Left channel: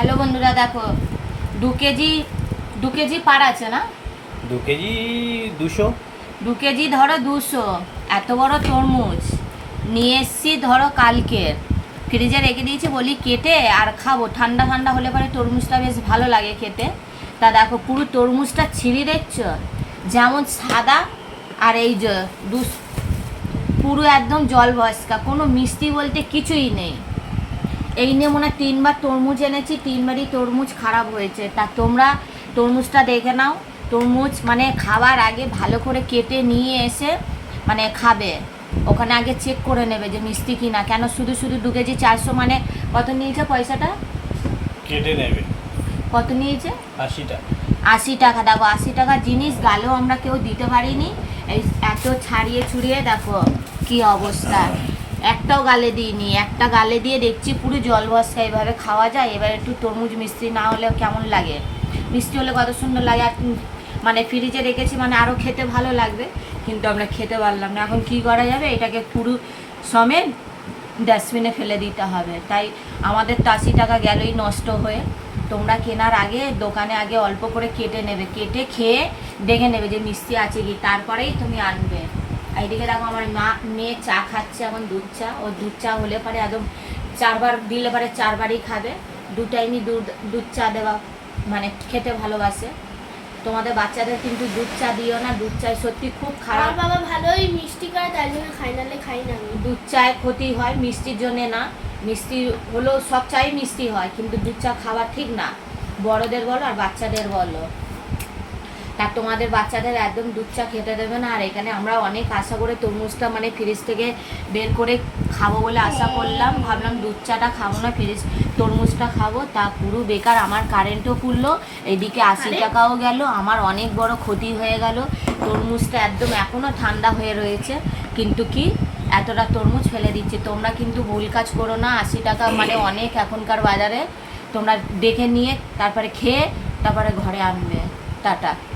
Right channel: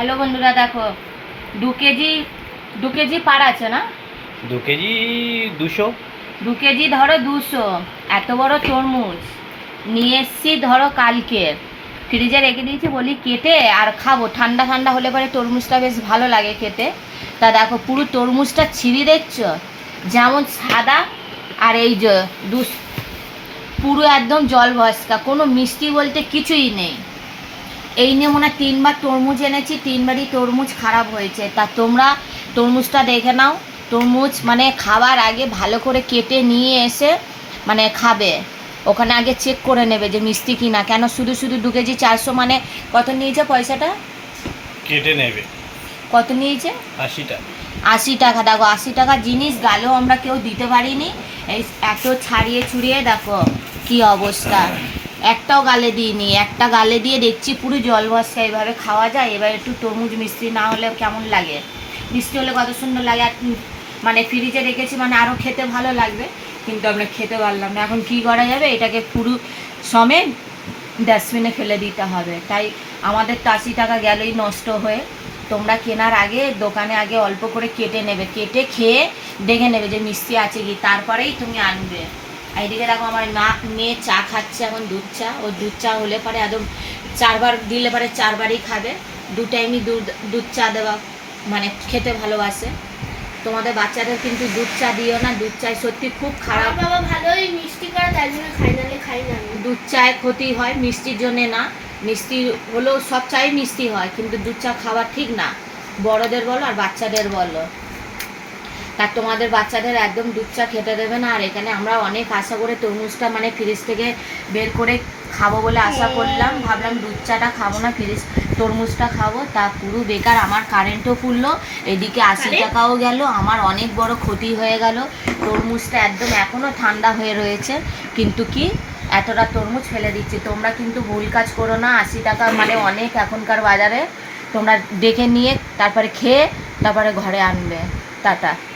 Hello বন্ধুরা দেখো দু কেজি দু কেজি পার আছে না? দু কেজি দুশো। দু কেজি ধরো দুশো এত বড় তরমুজ। নিয়ে এসছি ধরো কালকের ফ্রিজে রেখে দিয়েছি বলি কেটে আর খাব। ঠান্ডা ঠান্ডা হলে পরে তরমুজটা বেশ ভালো লাগে খেতে। তা দেখো পুরো তরমুজটা ছিঁড়ি দেখছ? যেমন সাদা আর এই যে পুরো একদম জল ভস্কা কোনো মিষ্টি বলতে কিছুই নেই। এই নিয়ে মনে হয় তিনবার তরমুজ এনেছি তিনবারই তরমুজ খারাপ হয়েছে। তা তোমরা তরমুজটা দেখে নাও। তরমুজ মানে খাওয়ার আগে ভালো করে কেটে নিয়ে এসে মানে খাবে। ওখানে আগে চেক করে নেবে যে মিষ্টি কিনা। কেন শুধু শুধু দু কেজি চারশো মানে কত নিয়েছে পয়সাটা? কেটে নেবে। কত নিয়েছে? আশিটা আশি টাকা। দেখো আশি টাকার জিনিস গালেও আমরা কেউ দিতে পারিনি। এই এত ছাড়িয়ে ছুড়িয়ে দেখো কি অবস্থা। একটাও গালে দিইনি, একটা গালে দিয়ে দেখছি পুরো জল ভস্কা এভাবে খাওয়া যায়, এবার একটু তরমুজ মিষ্টি না হলে কেমন লাগে? মিষ্টি হলে কত সুন্দর লাগে, আর মানে ফ্রিজে রেখেছি মানে আরও খেতে ভালো লাগবে, কিন্তু আমরা খেতে পারলাম না। এখন কী করা যাবে? এটাকে পুরো সমেত ডাস্টবিনে ফেলে দিতে হবে। তাই আমাদের তো আশি টাকা গেলেই নষ্ট হয়ে। তোমরা কেনার আগে দোকানে আগে অল্প করে কেটে নেবে। কেটে খেয়ে দেখে নেবে যে মিষ্টি আছে কি, তারপরেই তুমি আনবে। এদিকে দেখো আমার মা মেয়ে চা খাচ্ছে এখন দুধ চা। ও দুধ চা হলে পরে একদম চারবার দিলে পরে চারবারই খাবে। দু টাইমই দুধ দুধ চা দেওয়া মানে খেতে ভালোবাসে। তোমাদের বাচ্চাদের কিন্তু দুধ চা দিও না দুধ চায় সত্যি খুব খারাপ। বাবা ভালোই মিষ্টি করে তাই জন্য খাই নালে খাই না দুধ চায়ের ক্ষতি হয় মিষ্টির জন্যে না। মিষ্টি হলেও সব চাই মিষ্টি হয় কিন্তু দুধ চা খাওয়া ঠিক না। বড়দের বলো আর বাচ্চাদের বলো। তা তোমাদের বাচ্চাদের একদম দুধ চা খেতে দেবে না। আর এখানে আমরা অনেক আশা করে তরমুজটা মানে ফ্রিজ থেকে বের করে খাব বলে আশা করলাম। ভাবলাম দুধ চাটা খাব না ফ্রিজ তরমুজটা খাব। তা পুরো বেকার আমার কারেন্টও পুড়লো এদিকে আশি টাকাও গেল আমার অনেক বড় ক্ষতি হয়ে গেল। তরমুজটা একদম এখনও ঠান্ডা হয়ে রয়েছে কিন্তু কি এতটা তরমুজ ফেলে দিচ্ছে। তোমরা কিন্তু ভুল কাজ করো না আশি টাকা মানে অনেক এখনকার বাজারে। তোমরা দেখে নিয়ে তারপরে খেয়ে তারপরে ঘরে আনবে। টাটা।